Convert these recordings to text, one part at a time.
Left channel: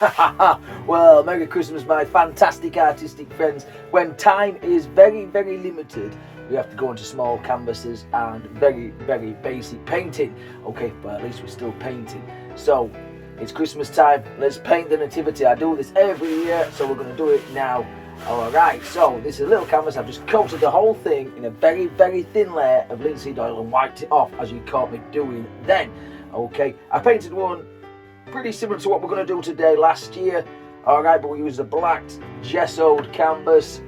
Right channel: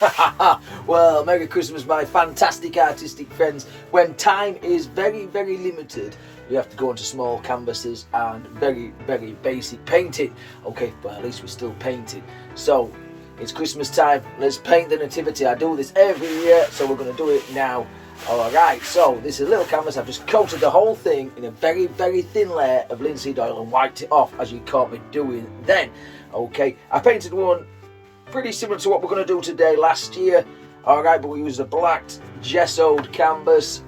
Well, Merry Christmas, my fantastic artistic friends. When time is very, very limited, we have to go into small canvases and very, very basic painting. Okay, but at least we're still painting. So, it's Christmas time. Let's paint the nativity. I do this every year, so we're going to do it now. Alright, so this is a little canvas. I've just coated the whole thing in a very, very thin layer of linseed oil and wiped it off, as you caught me doing then. Okay, I painted one pretty similar to what we're going to do today last year. Alright, but we used a black gessoed canvas.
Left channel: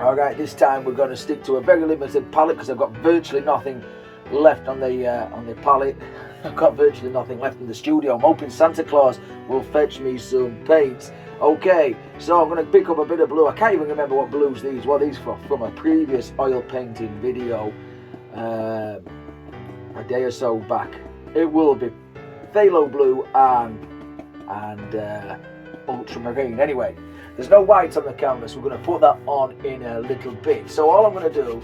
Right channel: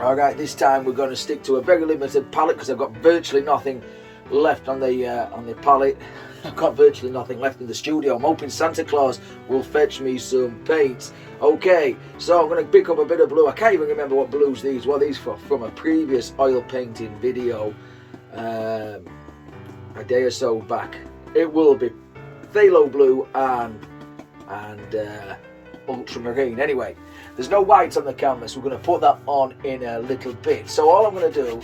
Alright, this time we're going to stick to a very limited palette because I've got virtually nothing left on the palette. I've got virtually nothing left in the studio. I'm hoping Santa Claus will fetch me some paint. Okay, so I'm going to pick up a bit of blue. I can't even remember what blues these were. These from a previous oil painting video a day or so back. It will be phthalo blue and ultramarine. Anyway, there's no white on the canvas. We're going to put that on in a little bit. So all I'm going to do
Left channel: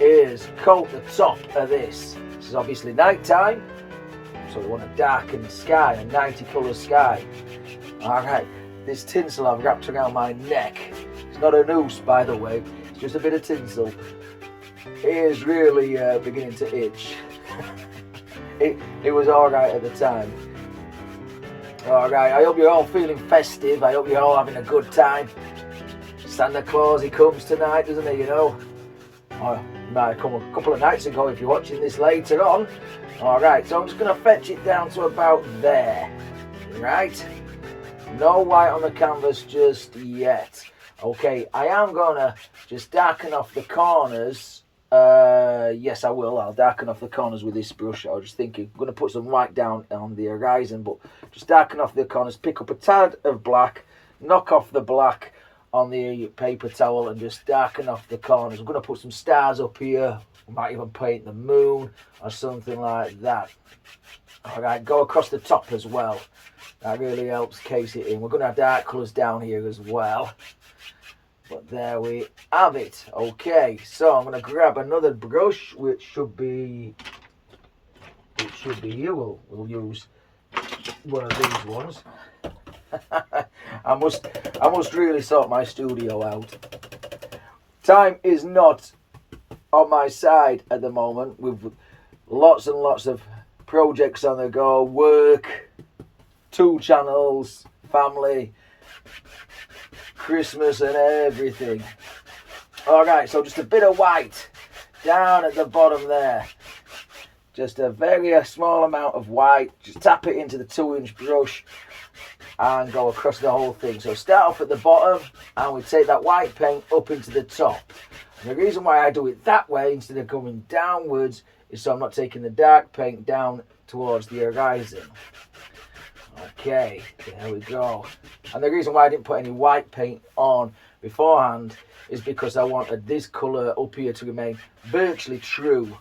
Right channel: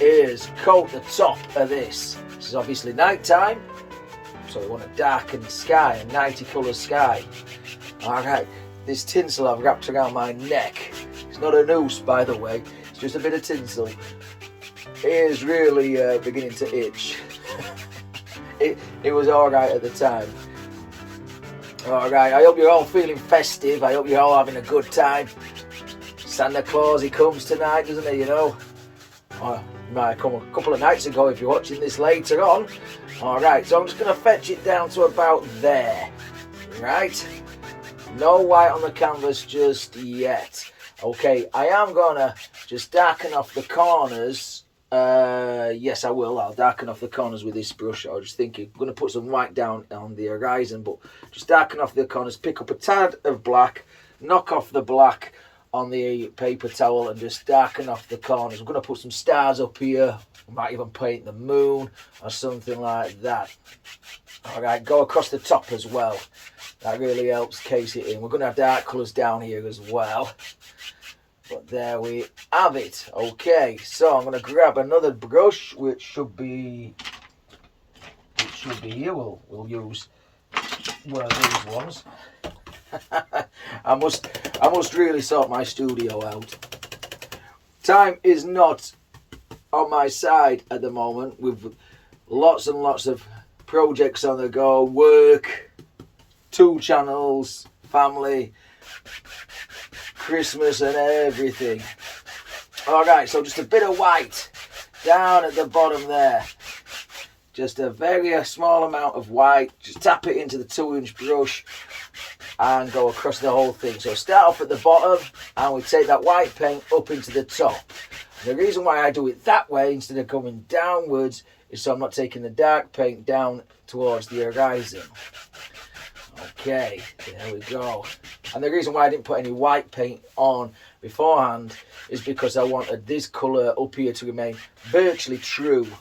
is coat the top of this. This is obviously night time, so we want a darkened sky, a 90 colour sky. Alright, this tinsel I've wrapped around my neck. It's not a noose, by the way. It's just a bit of tinsel. It is really beginning to itch. It was alright at the time. Alright, I hope you're all feeling festive. I hope you're all having a good time. Santa Claus, he comes tonight, doesn't he, you know? Or he might have come a couple of nights ago if you're watching this later on. Alright, so I'm just going to fetch it down to about there. Right? No white on the canvas just yet. Okay, I am going to just darken off the corners. Yes, I will. I'll darken off the corners with this brush. I was just thinking, I'm going to put some white down on the horizon, but just darken off the corners, pick up a tad of black, knock off the black on the paper towel and just darken off the corners. I'm going to put some stars up here. I might even paint the moon or something like that. Alright, go across the top as well. That really helps case it in. We're going to have dark colours down here as well. But there we have it. Okay, so I'm going to grab another brush, which should be here. We'll use one of these ones. I must really sort my studio out. Time is not on my side at the moment, with lots and lots of projects on the go, work, 2 channels, family, Christmas and everything. Alright, so just a bit of white down at the bottom there. Just a very small amount of white. Just tap it into the 2-inch brush and go across the whole thing. So start off at the bottom and we take that white paint up into the top. And the reason why I do it that way instead of going downwards is so I'm not taking the dark paint down towards the horizon. Okay, there we go. And the reason why I didn't put any white paint on beforehand is because I wanted this colour up here to remain virtually true.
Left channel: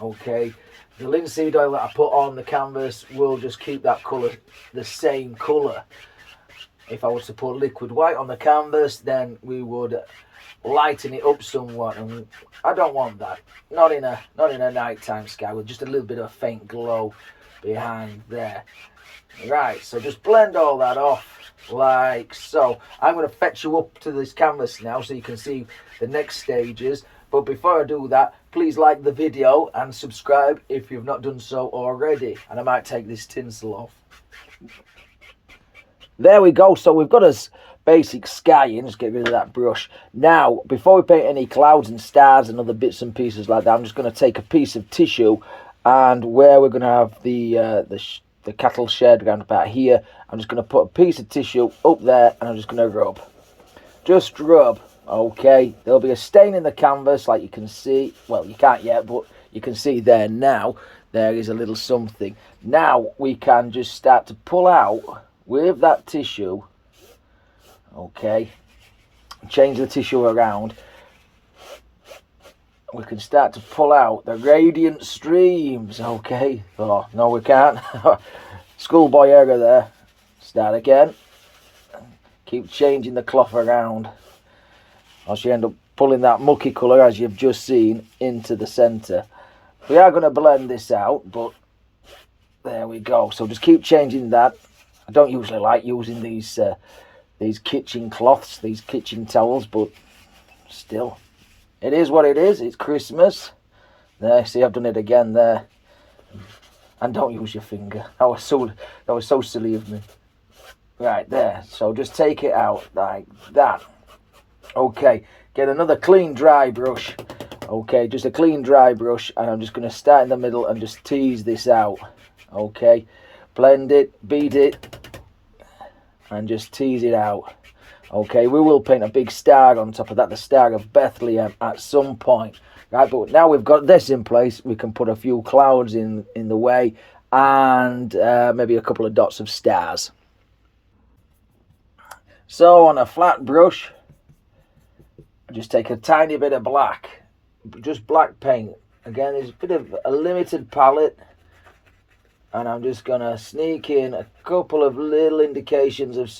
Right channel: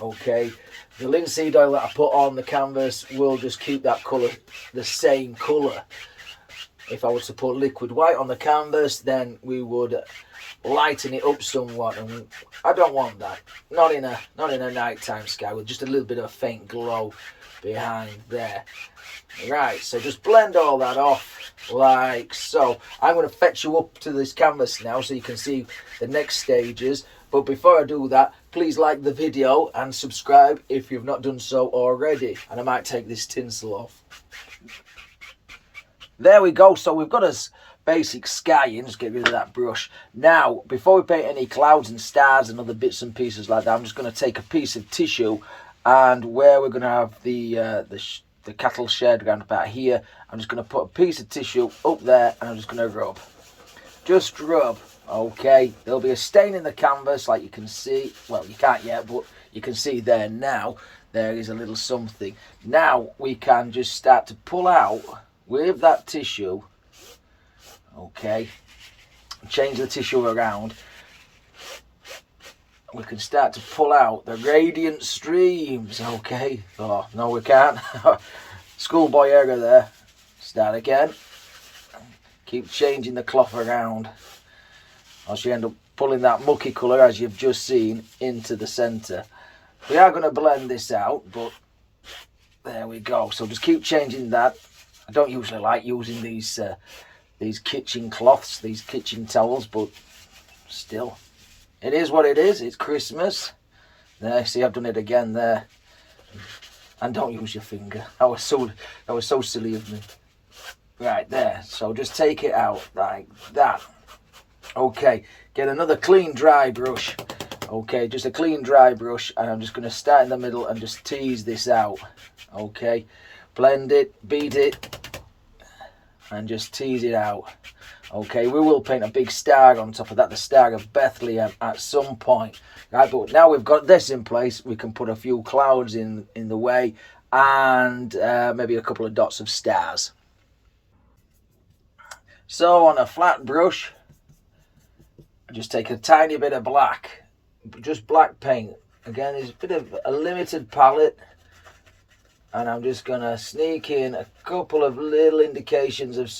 Okay, the linseed oil that I put on the canvas will just keep that colour the same colour. If I was to put liquid white on the canvas, then we would lighten it up somewhat, and I don't want that. Not in a nighttime sky with just a little bit of a faint glow behind there. Right, so just blend all that off like so. I'm going to fetch you up to this canvas now so you can see the next stages. But before I do that, please like the video and subscribe if you've not done so already. And I might take this tinsel off. There we go. So we've got a basic sky in. Just get rid of that brush. Now, before we paint any clouds and stars and other bits and pieces like that, I'm just going to take a piece of tissue, and where we're going to have the cattle shed around about here, I'm just going to put a piece of tissue up there and I'm just going to rub. Just rub. Okay, there'll be a stain in the canvas like you can see. Well, you can't yet, but you can see there now. There is a little something. Now we can just start to pull out with that tissue. Okay, change the tissue around. We can start to pull out the radiant streams. Okay, oh no we can't. Schoolboy error there. Start again. Keep changing the cloth around, else you end up pulling that mucky colour, as you've just seen, into the centre. We are going to blend this out, but there we go. So just keep changing that I don't usually like using these kitchen cloths, these kitchen towels, but still, it is what it is. It's Christmas. There, see, I've done it again there. And don't use your finger. That was so silly of me. Right there. So just take it out like that. Okay. Get another clean dry brush. Okay, just a clean dry brush, and I'm just going to start in the middle and just tease this out. Okay, blend it, beat it, and just tease it out. Okay, we will paint a big star on top of that, the Star of Bethlehem, at some point. Right, but now we've got this in place, we can put a few clouds in the way, and maybe a couple of dots of stars. So on a flat brush, just take a tiny bit of black, just black paint. Again, there's a bit of a limited palette, and I'm just going to sneak in a couple of little indications of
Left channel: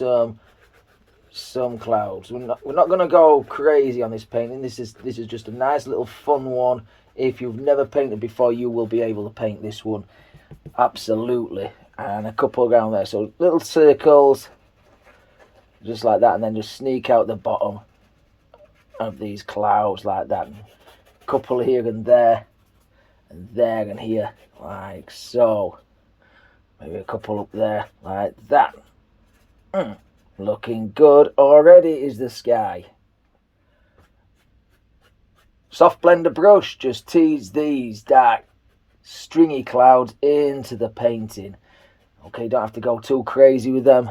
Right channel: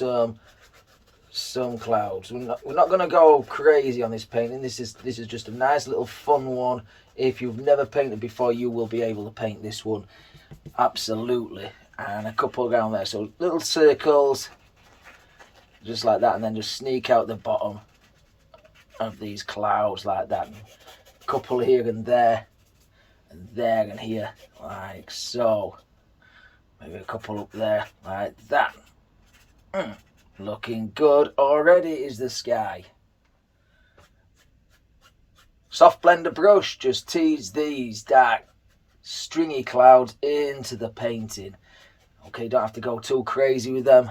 some clouds. We're not going to go crazy on this painting. This is just a nice little fun one. If you've never painted before, you will be able to paint this one absolutely. And a couple around there, so little circles just like that, and then just sneak out the bottom of these clouds like that. A couple here and there and here, like so. Maybe a couple up there like that. Looking good already is the sky. Soft blender brush, just tease these dark stringy clouds into the painting. Okay, don't have to go too crazy with them.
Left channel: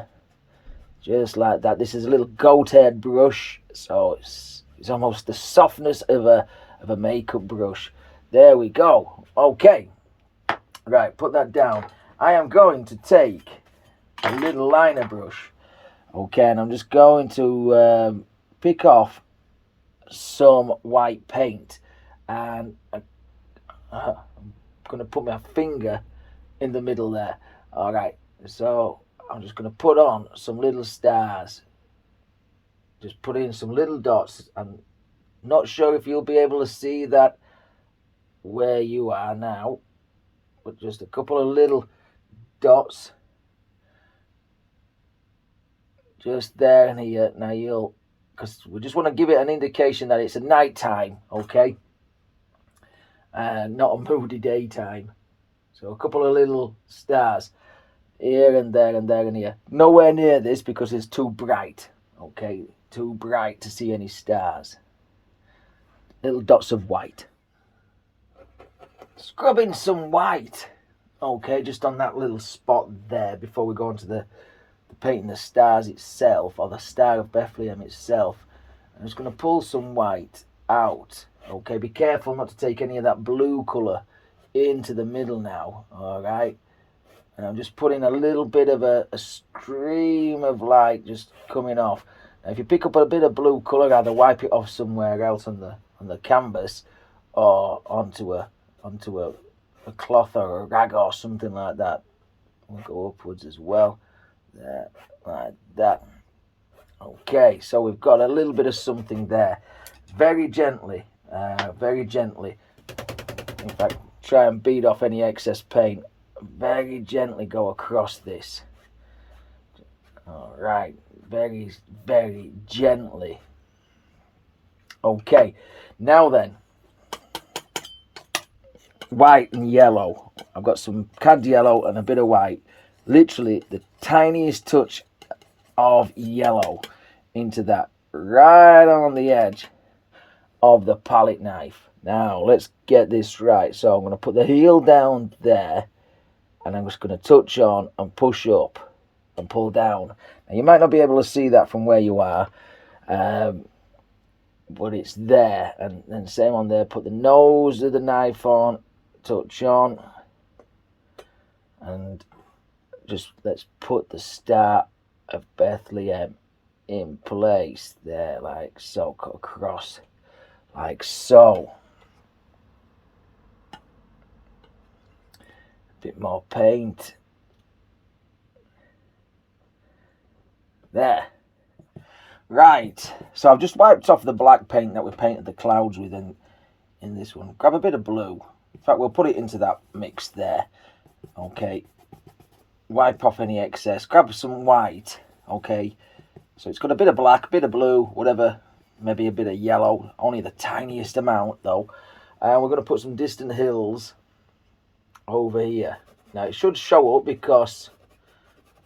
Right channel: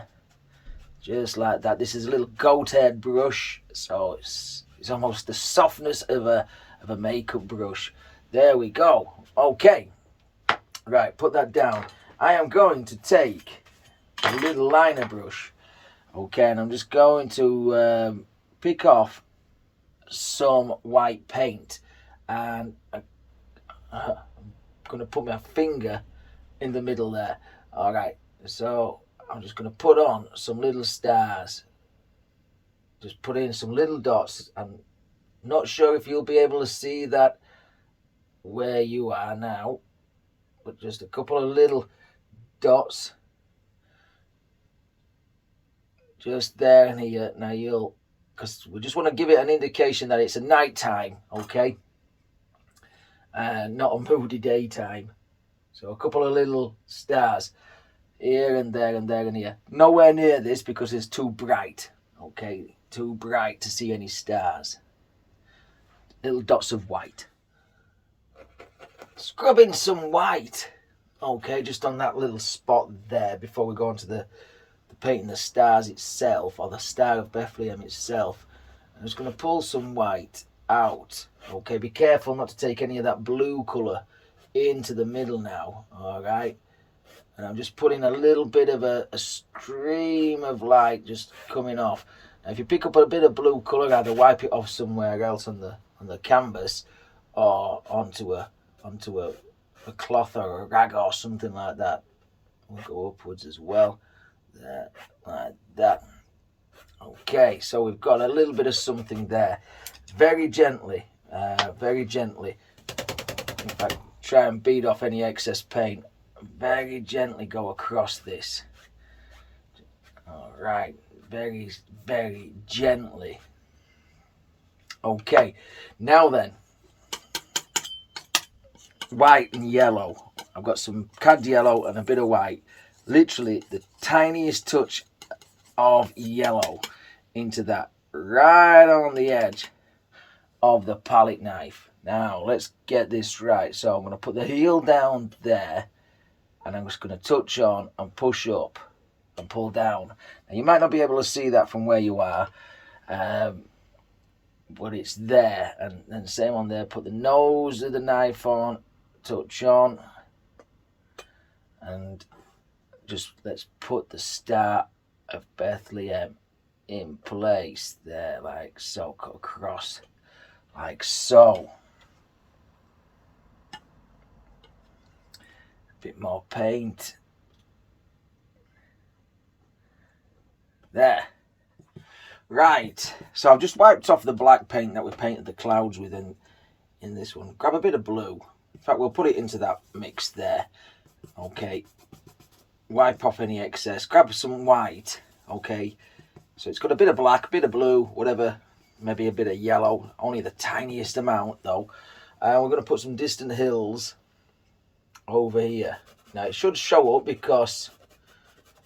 Just like that. This is a little goat head brush, so it's almost the softness of a makeup brush. There we go. Okay, right, put that down. I am going to take a little liner brush. Okay, and I'm just going to pick off some white paint, and I'm going to put my finger in the middle there. All right, so I'm just going to put on some little stars. Just put in some little dots. I'm not sure if you'll be able to see that where you are now, but just a couple of little dots just there and here. Now because we just want to give it an indication that it's a night time, okay, and not a moody daytime. So a couple of little stars here and there and there and here. Nowhere near this because it's too bright, okay, too bright to see any stars. Little dots of white. Scrubbing some white, okay, just on that little spot there before we go on to the painting the stars itself, or the Star of Bethlehem itself. I'm just going to pull some white out. Okay, be careful not to take any of that blue colour into the middle now. All right, and I'm just putting a little bit of a stream of light just coming off. Now, if you pick up a bit of blue colour, either wipe it off somewhere else on the canvas, or onto a cloth or a rag or something like that. We'll go upwards as well. There, like that. Okay, so we've got a little bit of something there. Very gently. In fact, try and beat off any excess paint. Very gently go across this. All right, very, very gently. Okay, now then, white and yellow. I've got some cad yellow and a bit of white. Literally the tiniest touch of yellow into that, right on the edge of the palette knife. Now let's get this right. So I'm going to put the heel down there, and I'm just going to touch on and push up and pull down. Now you might not be able to see that from where you are, but it's there. And then same on there, put the nose of the knife on, touch on, and just let's put the Star of Bethlehem in place there, like so, cut across like so. A bit more paint there. Right, so I've just wiped off the black paint that we painted the clouds with in this one. Grab a bit of blue. In fact, we'll put it into that mix there. Okay, wipe off any excess, grab some white, okay, so it's got a bit of black, a bit of blue, whatever, maybe a bit of yellow, only the tiniest amount though. And we're going to put some distant hills over here. Now it should show up because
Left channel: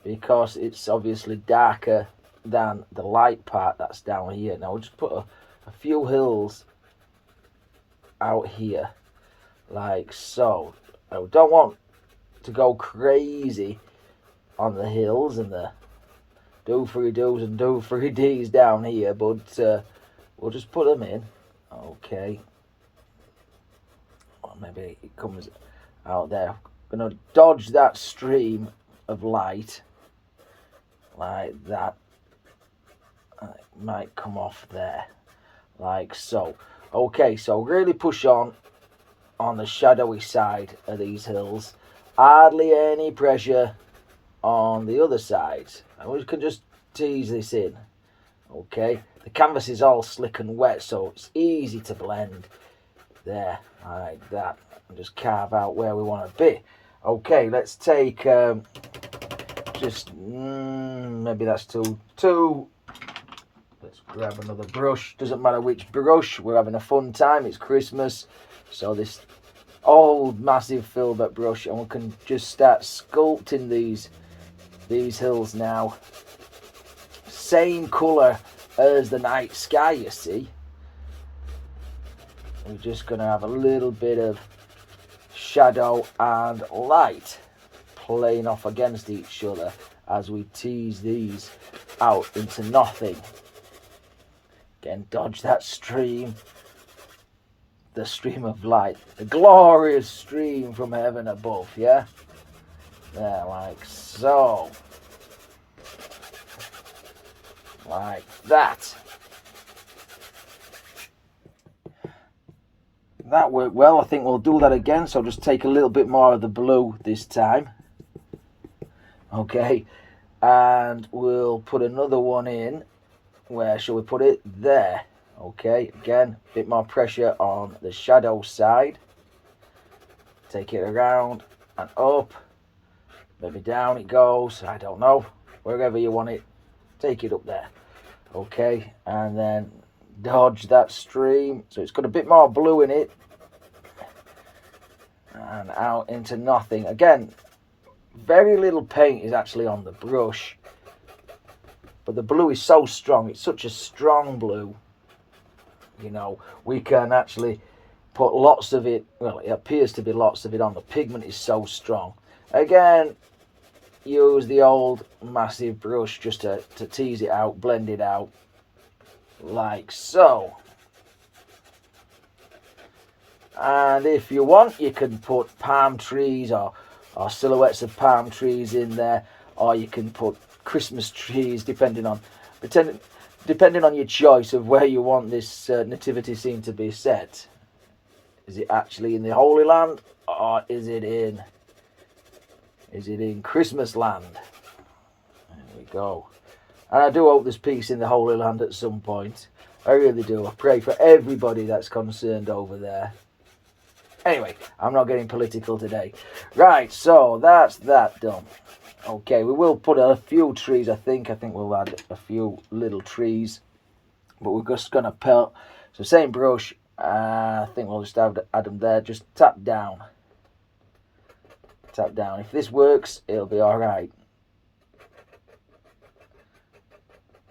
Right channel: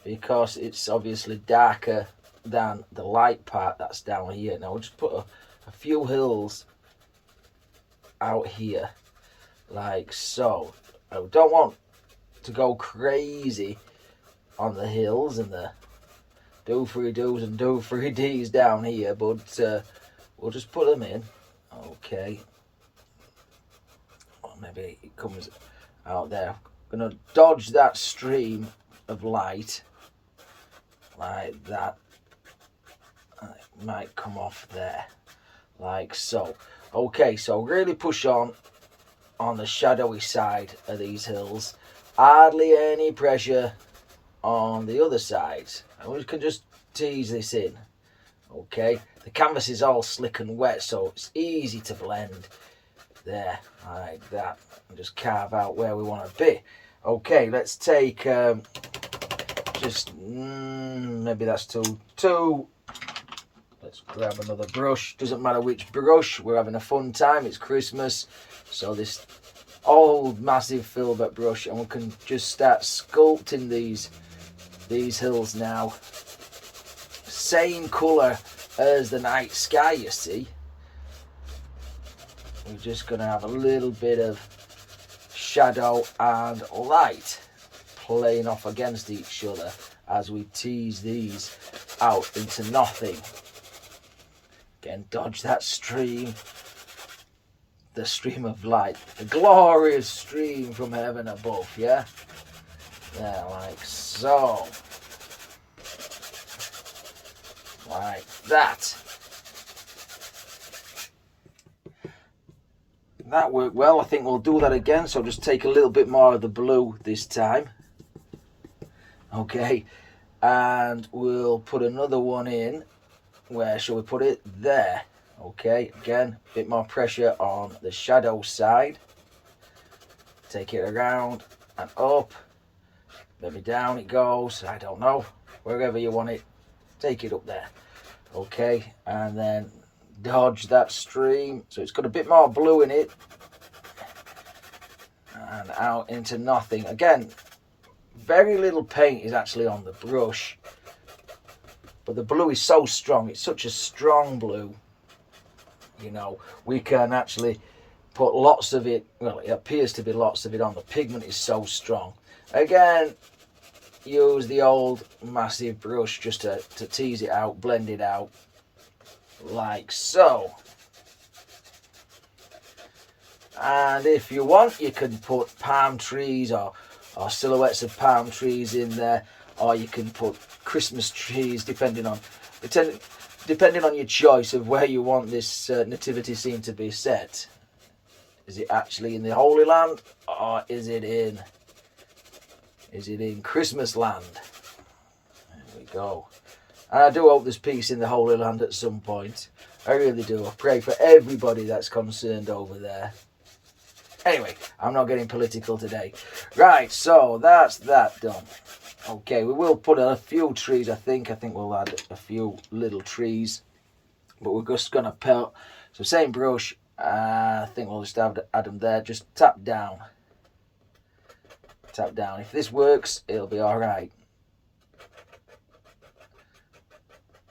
it's obviously darker than the light part that's down here. Now we'll just put a few hills out here like so. I don't want to go crazy on the hills and the do 3 do's and do 3 D's down here, but we'll just put them in. Okay, or maybe it comes out there. I'm gonna dodge that stream of light like that. It might come off there like so. Okay, so really push on the shadowy side of these hills. Hardly any pressure on the other sides, and we can just tease this in. Okay, the canvas is all slick and wet, so it's easy to blend there like that, and just carve out where we want to be. Okay, let's take just maybe that's two. Let's grab another brush. Doesn't matter which brush, we're having a fun time. It's Christmas, so this old massive filbert brush, and we can just start sculpting these hills now. Same colour as the night sky, you see. We're just going to have a little bit of shadow and light playing off against each other as we tease these out into nothing. Again, dodge that stream, the stream of light, the glorious stream from heaven above, yeah? There, like so. Like that. That worked well. I think we'll do that again, so just take a little bit more of the blue this time. Okay, and we'll put another one in. Where shall we put it? There. Okay, again, a bit more pressure on the shadow side. Take it around and up. Maybe down it goes. I don't know. Wherever you want it, take it up there. Okay, and then dodge that stream. So it's got a bit more blue in it. And out into nothing. Again, very little paint is actually on the brush. But the blue is so strong, it's such a strong blue, you know, we can actually put lots of it, well, it appears to be lots of it on. The pigment is so strong. Again, use the old massive brush just to tease it out, blend it out, like so. And if you want, you can put palm trees or silhouettes of palm trees in there, or you can put Christmas trees, depending on your choice of where you want this nativity scene to be set. Is it actually in the Holy Land, or is it in Christmas Land? There we go. And I do hope there's peace in the Holy Land at some point. I really do. I pray for everybody that's concerned over there. Anyway, I'm not getting political today. Right, so that's that done. Okay, we will put a few trees, I think. We'll add a few little trees. But we're just going to pelt. So same brush. I think we'll just add them there. Just tap down. Tap down. If this works, it'll be alright.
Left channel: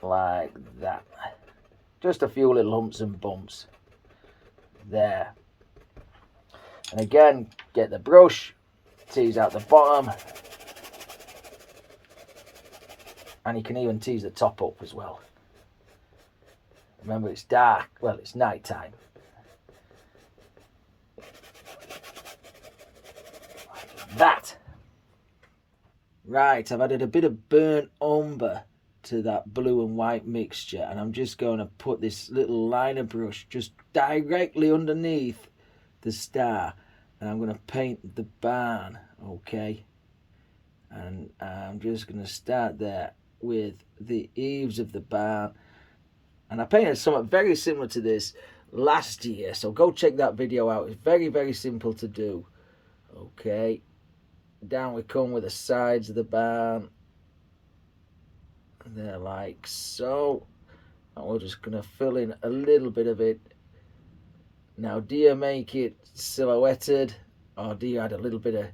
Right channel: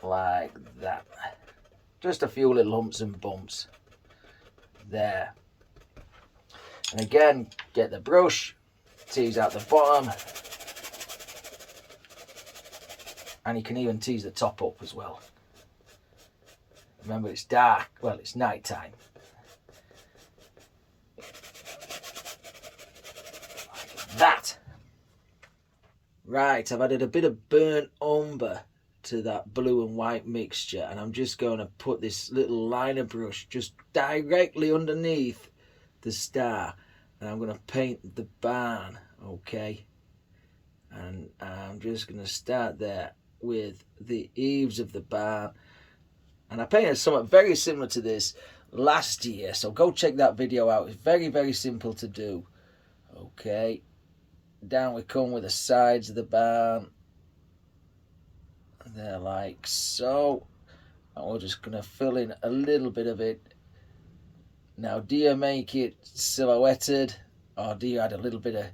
Like that. Just a few little humps and bumps. There. And again, get the brush. Tease out the bottom. And you can even tease the top up as well. Remember, it's dark. Well, it's night time. That. Right, I've added a bit of burnt umber to that blue and white mixture. And I'm just going to put this little liner brush just directly underneath the star. And I'm going to paint the barn, okay? And I'm just going to start there with the eaves of the barn. And I painted something very similar to this last year, so go check that video out. It's very, very simple to do. Okay, down we come with the sides of the barn. They're like so. And we're just going to fill in a little bit of it. Now, do you make it silhouetted, or do you add a little bit of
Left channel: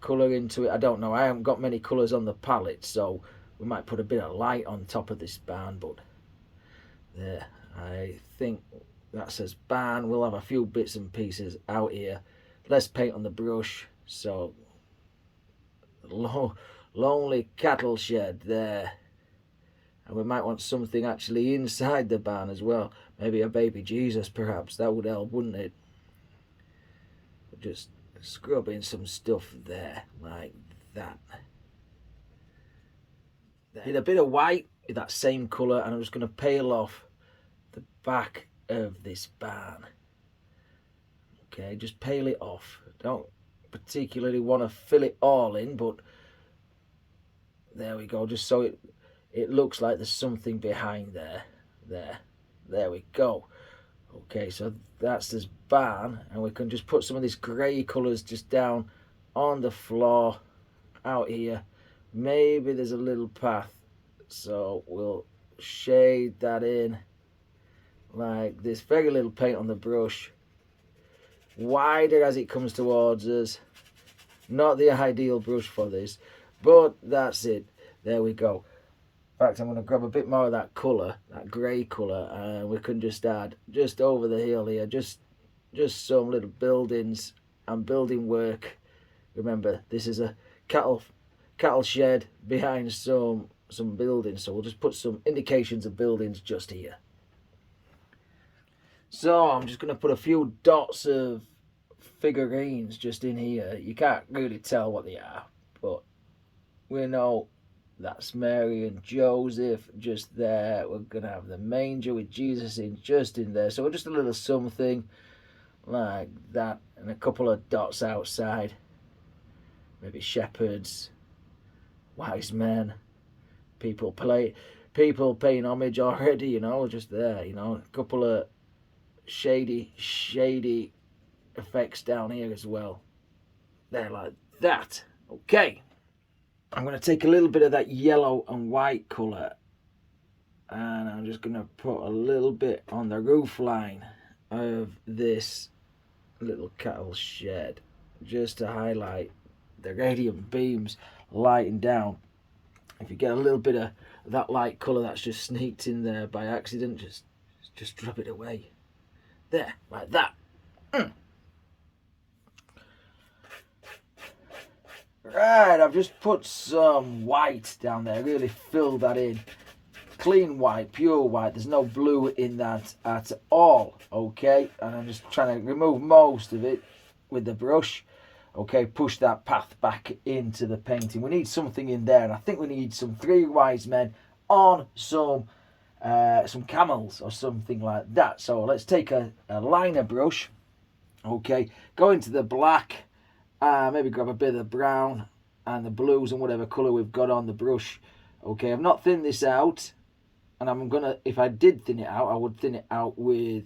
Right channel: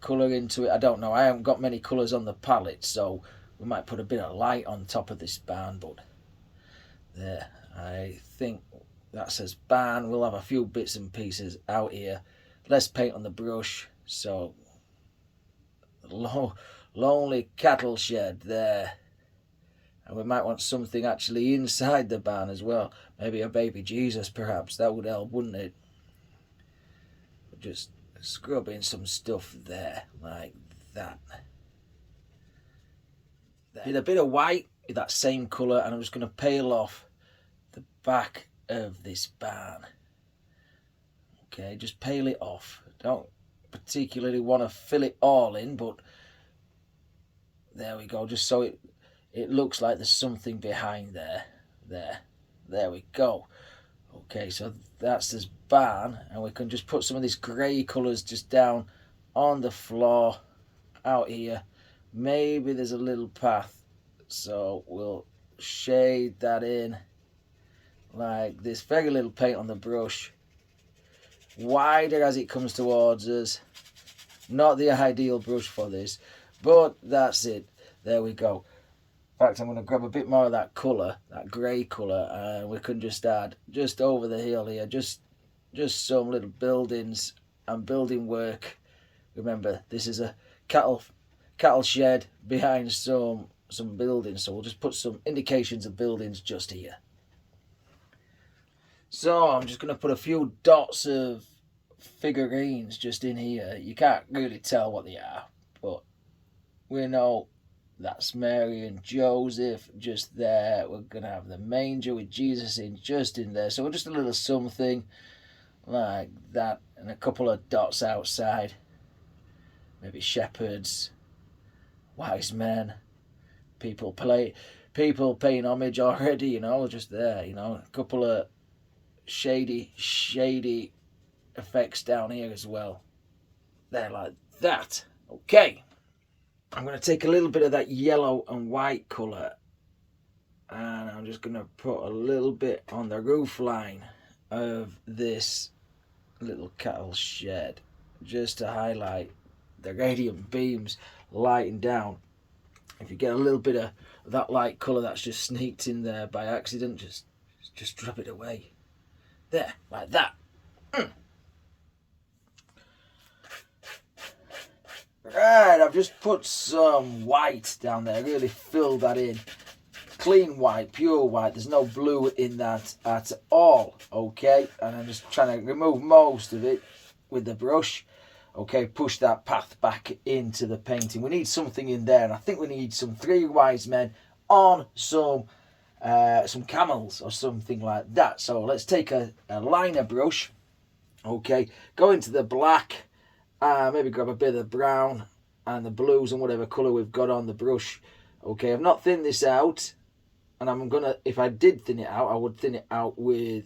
colour into it? I don't know. I haven't got many colours on the palette, so we might put a bit of light on top of this barn. But there, I think that says barn. We'll have a few bits and pieces out here. Less paint on the brush. So, lonely cattle shed there. And we might want something actually inside the barn as well. Maybe a baby Jesus, perhaps. That would help, wouldn't it? Just scrub in some stuff there, like that. Did a bit of white with that same colour, and I'm just going to peel off the back of this barn. Okay, just peel it off. Don't particularly want to fill it all in, but there we go. Just so it looks like there's something behind there. There we go. Okay, so that's this barn, and we can just put some of these grey colours just down on the floor out here. Maybe there's a little path, so we'll shade that in like this. Very little paint on the brush, wider as it comes towards us. Not the ideal brush for this, but that's it. There we go. In fact, I'm going to grab a bit more of that colour, that grey colour, and we can just add just over the hill here, just some little buildings and building work. Remember, this is a cattle shed behind some buildings, so we'll just put some indications of buildings just here. So I'm just going to put a few dots of figurines just in here. You can't really tell what they are, but we know that's Mary and Joseph just there. We're going to have the manger with Jesus in just in there. So just a little something like that, and a couple of dots outside. Maybe shepherds, wise men, people paying homage already, you know, just there, you know. A couple of shady effects down here as well. There, like that. Okay. I'm going to take a little bit of that yellow and white colour, and I'm just going to put a little bit on the roof line of this little cattle shed, just to highlight the radiant beams lighting down. If you get a little bit of that light colour that's just sneaked in there by accident, just drop it away. There, like that. Right, I've just put some white down there, really filled that in. Clean white, pure white, there's no blue in that at all, okay? And I'm just trying to remove most of it with the brush, okay? Push that path back into the painting. We need something in there, and I think we need some three wise men on some camels or something like that. So let's take a liner brush, okay? Go into the black. Maybe grab a bit of the brown and the blues and whatever colour we've got on the brush. Okay, I've not thinned this out, and I'm gonna, if I did thin it out, I would thin it out with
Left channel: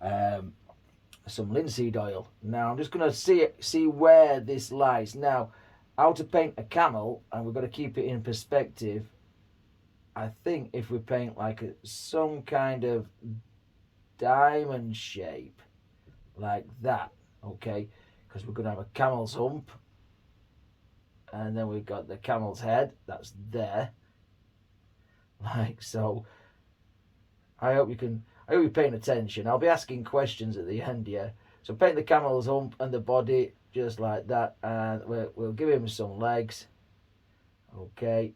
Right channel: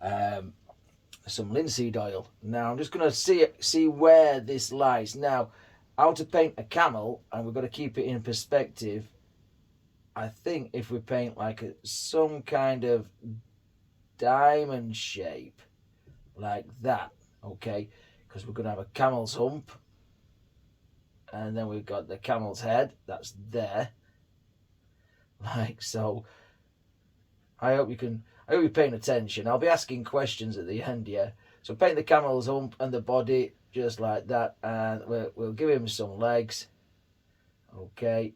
some linseed oil. Now I'm just gonna see where this lies. Now, how to paint a camel, and we've got to keep it in perspective. I think if we paint like some kind of diamond shape like that, okay, because we're going to have a camel's hump, and then we've got the camel's head that's there, like so. I hope you're paying attention. I'll be asking questions at the end here. So paint the camel's hump and the body just like that, and we'll give him some legs, okay,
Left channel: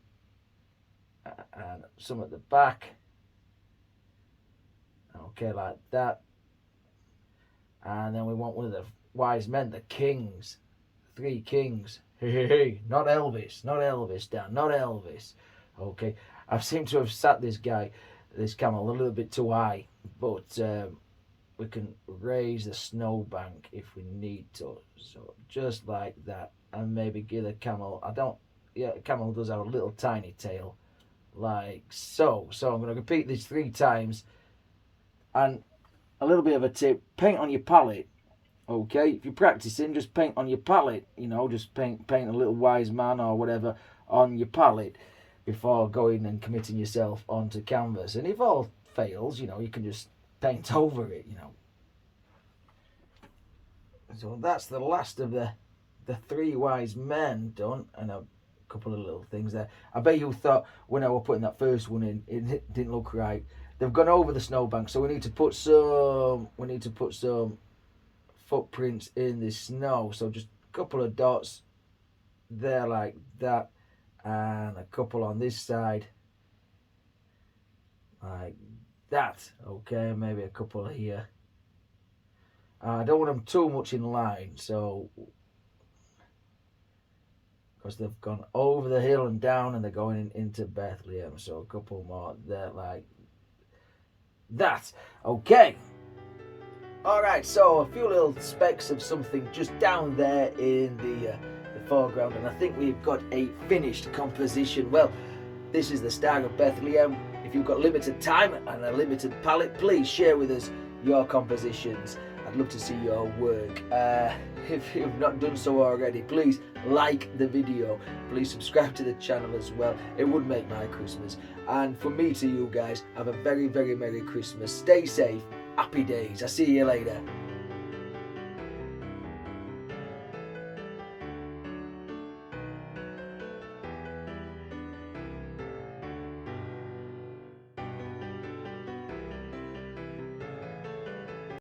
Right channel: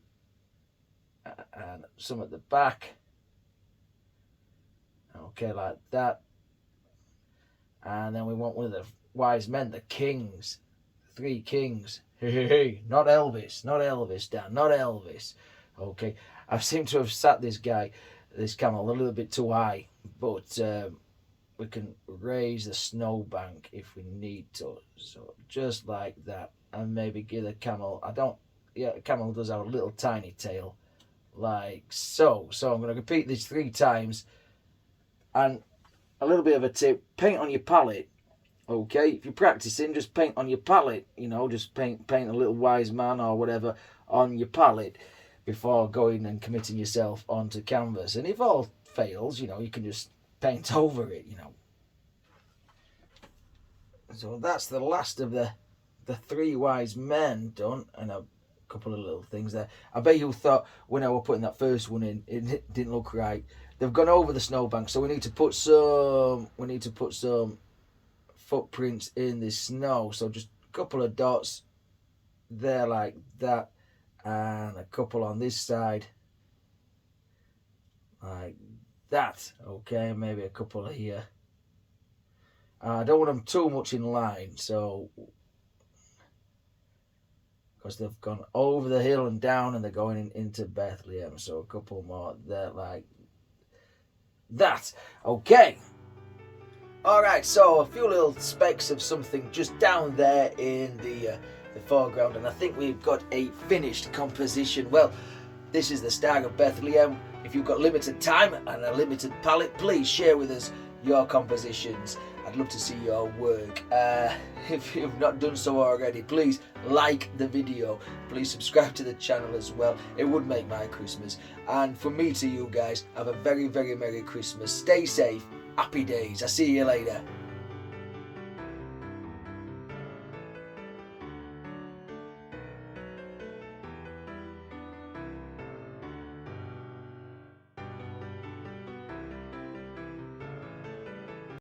and some at the back, okay, like that. And then we want one of the wise men, the kings, three kings. Hey, not Elvis, Dan, not Elvis. Okay, I seem to have sat this camel a little bit too high, but we can raise the snowbank if we need to. So just like that, and maybe give the camel, the camel does have a little tiny tail, like so. So I'm going to repeat this 3 times, and a little bit of a tip, paint on your palette. Okay, if you're practicing, just paint on your palette, you know, just paint a little wise man or whatever on your palette before going and committing yourself onto canvas. And if all fails, you know, you can just paint over it, you know. So that's the last of the three wise men done, and a couple of little things there. I bet you thought when I was putting that first one in, it didn't look right. They've gone over the snowbank, so we need to put some footprints in the snow. So just a couple of dots there like that, and a couple on this side like that. Okay, maybe a couple here. I don't want them too much in line, so because they've gone over the hill and down and they're going into Bethlehem. So a couple more there like that. Okay. Alright, so a few little specks of something just down there in the foreground, and I think we've got a finished composition. Well, this is the Star of Bethlehem. If you've got limited time and a limited palette, please share with us your compositions. I'd love to see your work. If you've not done so already, please like the video. Please subscribe to the channel as well. It would make my Christmas. And from me to you guys, have a very, very Merry Christmas. Stay safe. Happy days. I'll see you later.